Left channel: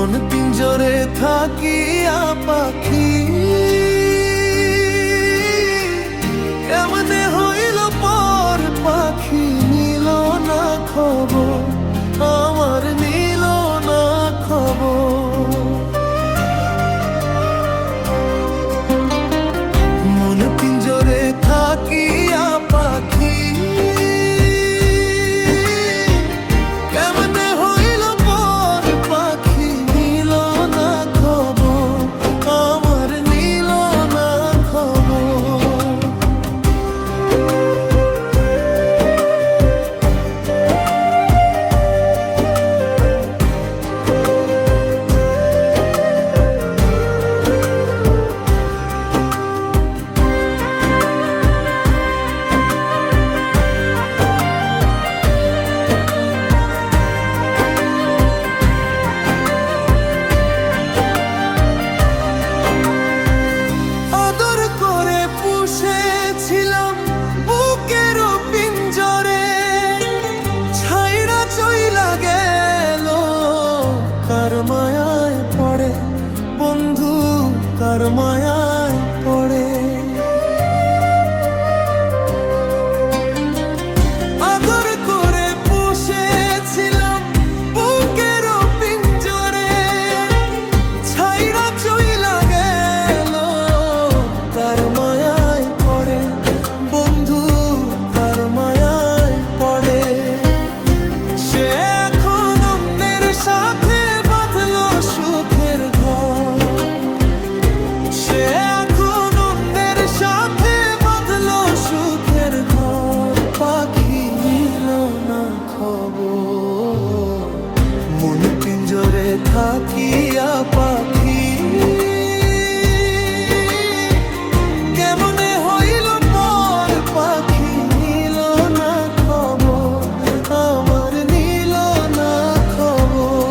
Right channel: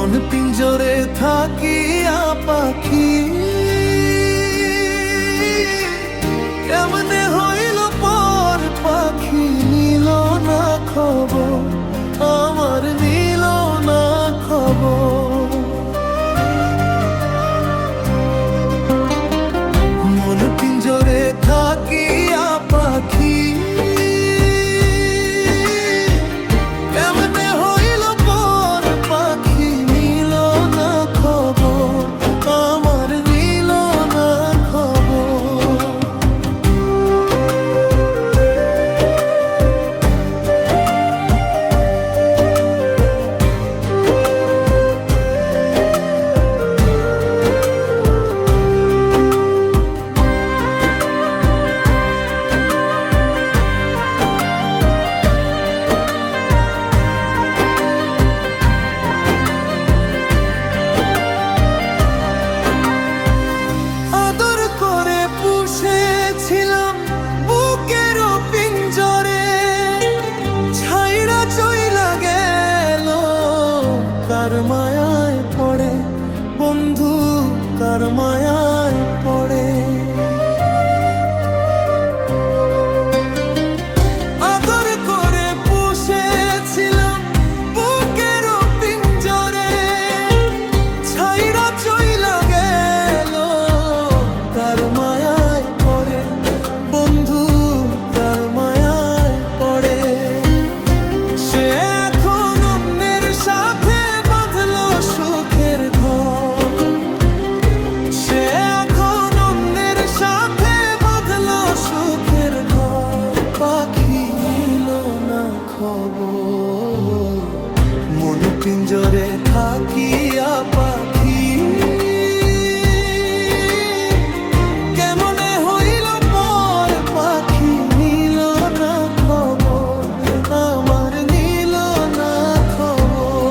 মন পিঞ্জরে থাকিয়া পাখি কেমনে হইল পর পাখি নিল না খবর আমার নিল না খবর মন পিঞ্জরে থাকিয়া পাখি কেমনে হইল পর পাখি নিল না খবর আমার নিল না খবর ছিলাম বুকের পিঞ্জরে ছাইড়া চইলা গেল কার মায়ায় পড়ে বন্ধু কার মায়ায় পড়ে আদর করে পুষেছিলাম বুকের পিঞ্জরে ছাইড়া চইলা গেল কার মায়ায় পড়ে বন্ধু কার মায়ায় পড়ে সে এখন অন্যের সাথে বাঁধলো সুখের ঘর সে এখন অন্যের সাথে বাঁধলো সুখের ঘর পাখি নিল না খবর মন পিঞ্জরে থাকিয়া পাখি কেমনে হইল পর পাখি নিল না খবর আমার নিল না খবর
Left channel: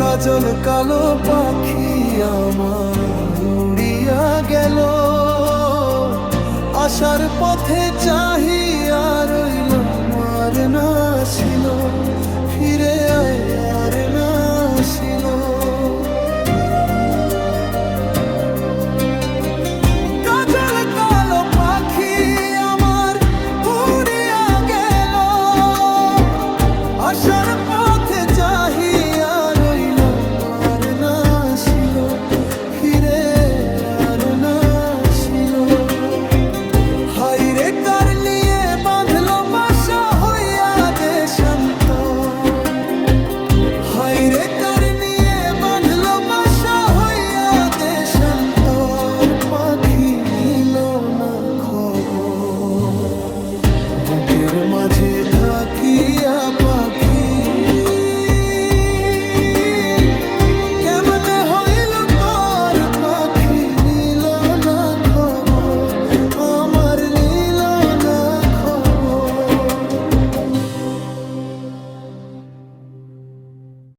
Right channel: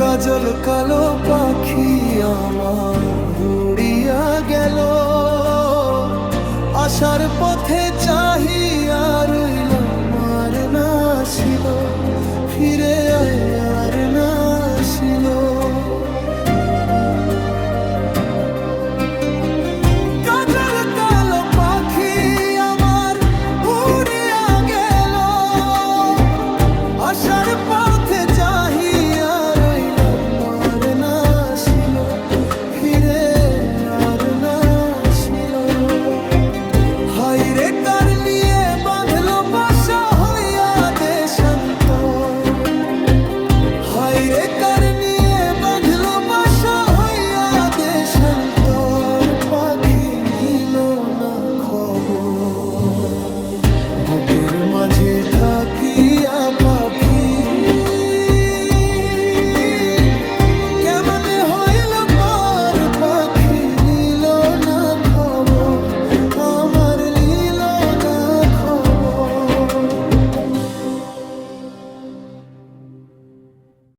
কাজল কালো পাখি আমার উড়িয়া গেল আসার পথে চাহিয়া রইল মার না ছিল ফিরে আর না ছিল কাজল কালো পাখি আমার উড়িয়া গেল আসার পথে চাহিয়া রইল মার না ছিল ফিরে আর না ছিল হাইরে কার নিয়ে বাঁধলো বাসা হইয়া দেশান্ত হাইরে কার নিয়ে বাঁধলো বাসা হইয়া দেশান্তর পাখি নিল না খবর বুকের মাঝে থাকিয়া পাখি কেমনে হইল পর পাখি নিল না খবর আমার